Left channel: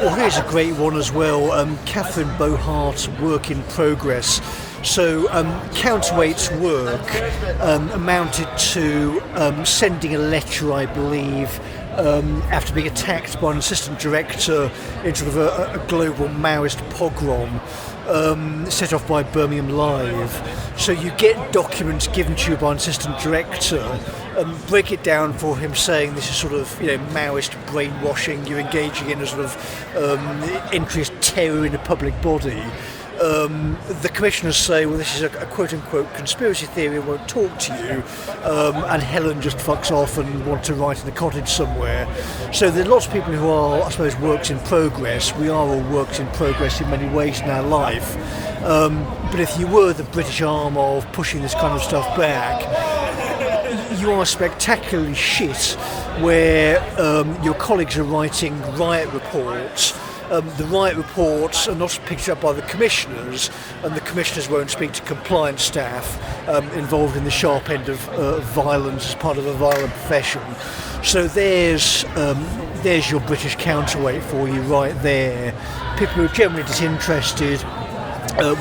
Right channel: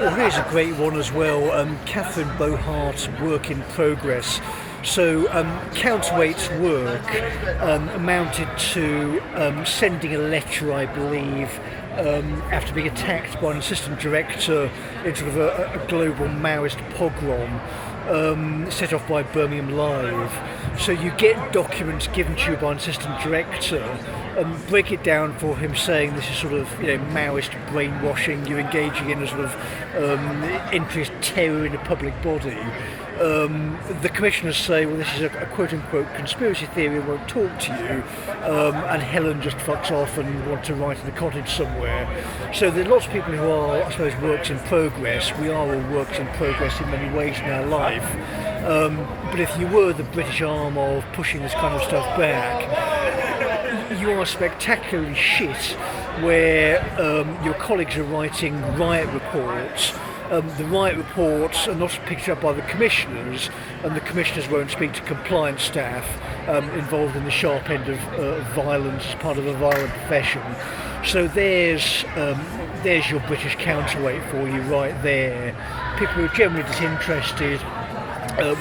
Well, here's a great one as well. Catherine Bohart's work in progress. So Counterweight's work amounted to sending a letter, I believe, after being attacked by an assistant director in sort of a global Maoist pogrom set off by Birmingham Live. So you get documents given to you by an assistant director, break it down for him, saying this is sort of Maoist brainwashing, you're engaging in a sort of increased terror in the public body. The commissioners say, well, this is a quote-unquote conspiracy theory, I won't talk to you, and Helen just fucks off and wants to write in a cottage somewhere. So there are lots of people who are, I suppose, works in progress. We are all works in progress in many ways in our life. But if you were the British arm of pushing this kind of stuff back, you are spectacularly shit where your colleagues are writing riot reports. The riot reports are not picked up by the commissioners, and the commissioners won't speak to compliance staff involved in the sharp end of violence as part of a violent profession. So there's your British counterweight for you right there. People who are generally disinterested,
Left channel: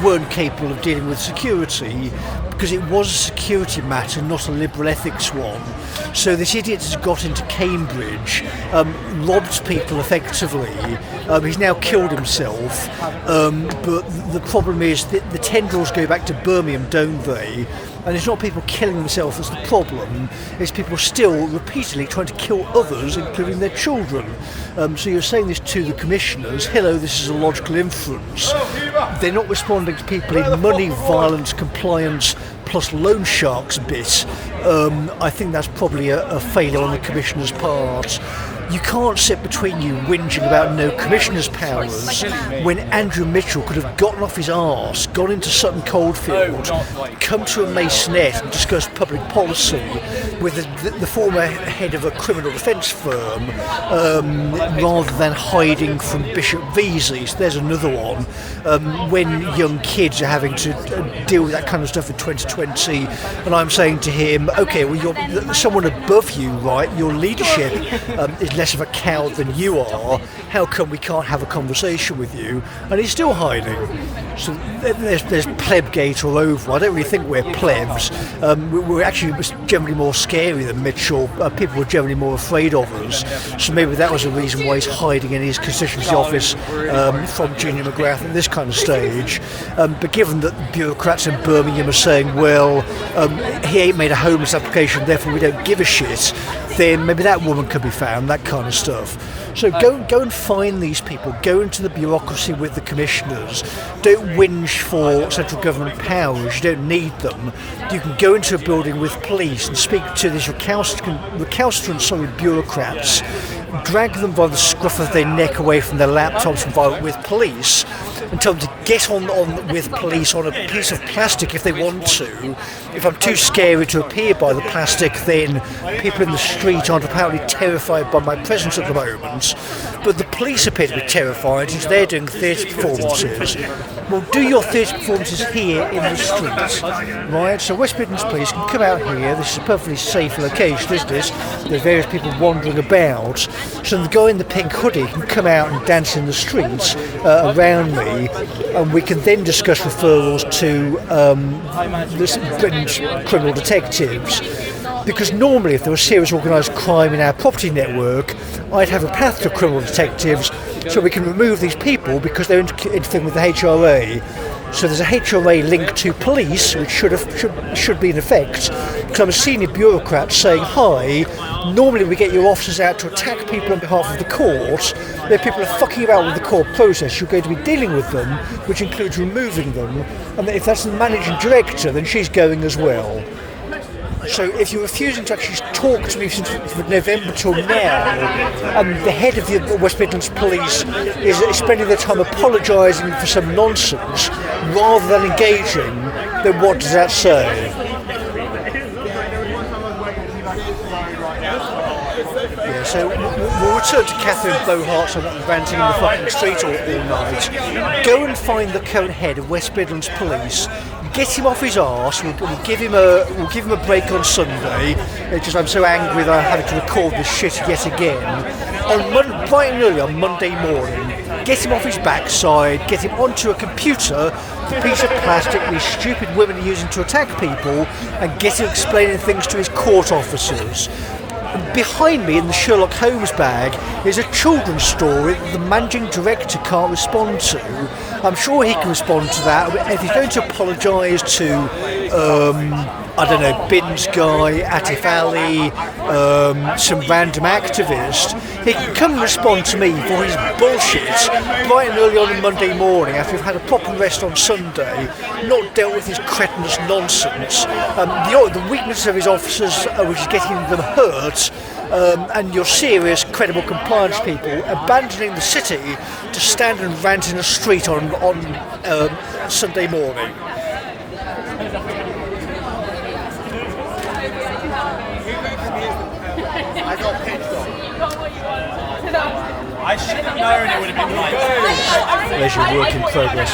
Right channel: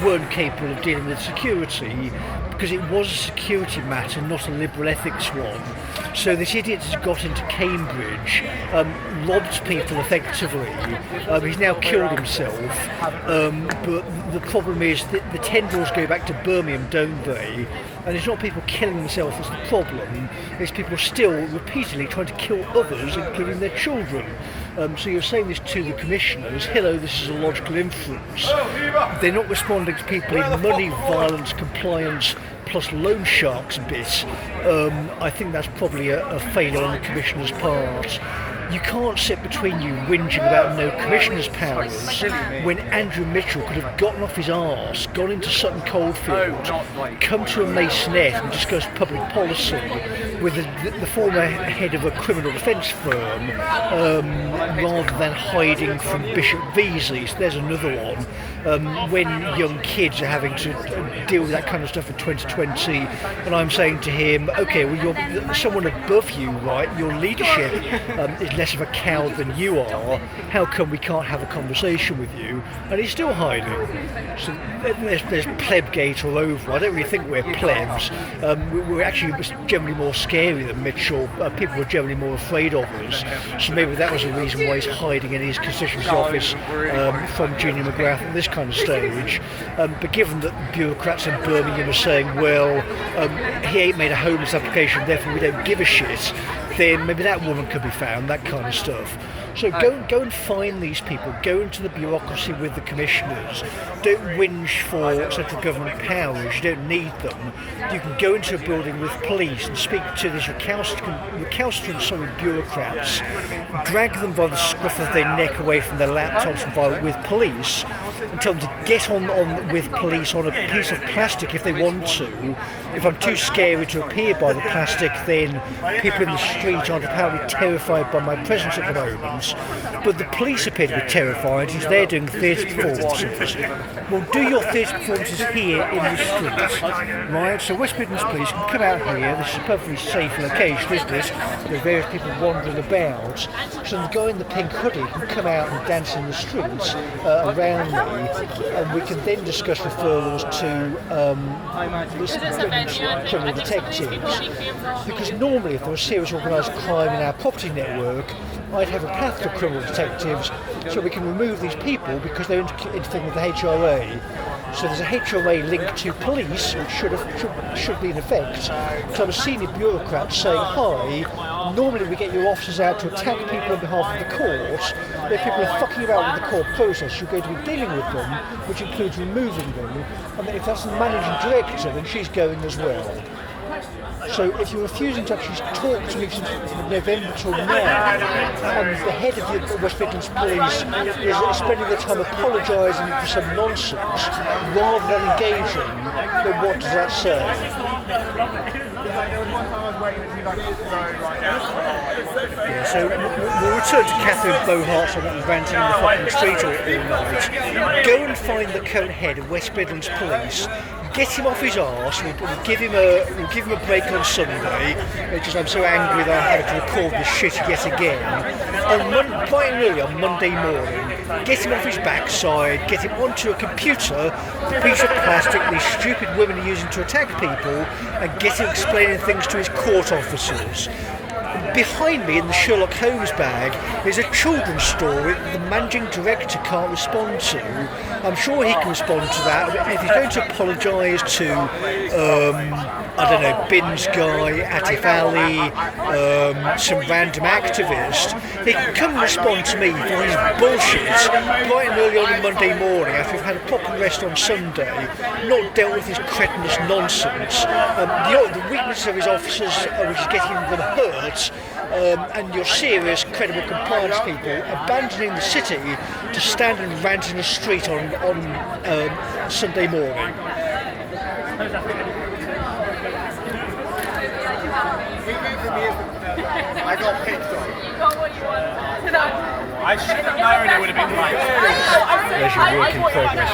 weren't capable of dealing with security because it was a security matter, not a liberal ethics one. So this idiot has got into Cambridge, robbed people effectively. He's now killed himself, but the problem is that the tendrils go back to Birmingham, don't they? And it's not people killing themselves that's the problem, it's people still repeatedly trying to kill others, including their children. So you're saying this to the commissioners, hello, this is a logical inference. They're not responding to people in money, violence, compliance, plus loan sharks bit. I think that's probably a failure on the commissioner's part. You can't sit between you whinging about no commissioner's powers when Andrew Mitchell could have gotten off his arse, gone into Sutton Coldfield, come to a masonette and discussed public policy with the former head of a criminal defence firm rather than hiding from Bishop Vesey's. There's another one. When young kids are having to deal with that kind of stuff in 2020 and I'm saying to him, okay, well, you're someone above you, right? Your leadership is less of a coward than you are. How come we can't have a conversation with you? And he's still hiding. So there's plebgate all over. I don't really think we're plebs. We're actually generally more scary than Mitchell. People were generally more afraid of us. So maybe that was a reason why he's hiding in his constituency office from Junior McGrath at this kind of stage. But given that the bureaucrats in Birmingham are saying, well, he ain't made a homeless application, therefore we don't give a shit, then maybe that woman could be found, that kind of stuff. So go and find these people, go into the bureaucracy with the commissioners. Don't whinge for central government powers, you don't need them. You can go into a building with police and speak to these recalcitrant bureaucrats, drag them by the scruff of their neck away from their laptops and with police, and tell them to get on with police on a piece of plastic if they want to. If I'm too scary to appear by the plastic, then people in the street aren't apparently terrified by my presence at the moment. But the police appear to be terrified since they're doing theatre performances. Well, do your theatre performances here in the streets, right? So West Midlands Police can come out here. This is a perfectly safe location, isn't it? There's various people wandering about. So the guy in the pink hoodie can come out and dance in the streets around me, and we can then discuss referrals to Britain's criminal detectives. Because normally if there was serious organised crime in our property network, I'd have a path to criminal detectives so we can remove these people because they're interfering with the HRA. So there's a HRA link to police, which should be in effect. Because I'm a senior bureaucrat saying, hi, normally we get your officers out to attack people on behalf of the court. They're people who are fucking about with the court process. You're going to be dealing with them, which includes removing them. And if that's the managing director, then she's going as well. So if you're refusing to actually talk to me since November till now, and the head of the West Midlands Police is spending their time apologising for some nonsense rather than engaging, then what does that say? Yeah, so we'll return to Catherine Bohart so not ranting in the fucking street all night. Go and find the current head of West Midlands Police. Get him off his arse. We'll give him a break on Sunday. Because I'm so angry that I'm having to record this shit yet again. bright and early on Monday morning, get him off his backside, get him onto a computer, the piece of plastic these stupid women are using to attack people, and get him explaining things to his court officers. Behind me in the Sherlock Holmes bag is a children's story that the managing director can't respond to. I'm sure he can respond to that. If he's going to apologise to, I don't know, Bin's guy, Atif Ali, some random activist, he can come and respond to me for his bullshit bright and early on a Monday morning after we've had a proper rest on Sunday, not dealt with his cretinous nonsense. The weakness of his officers, which is getting them hurt, and your serious, credible compliance people abandoning the city to stand and rant in a street on Sunday morning. I got picked on. I should have known it would have been like There's your work in progress.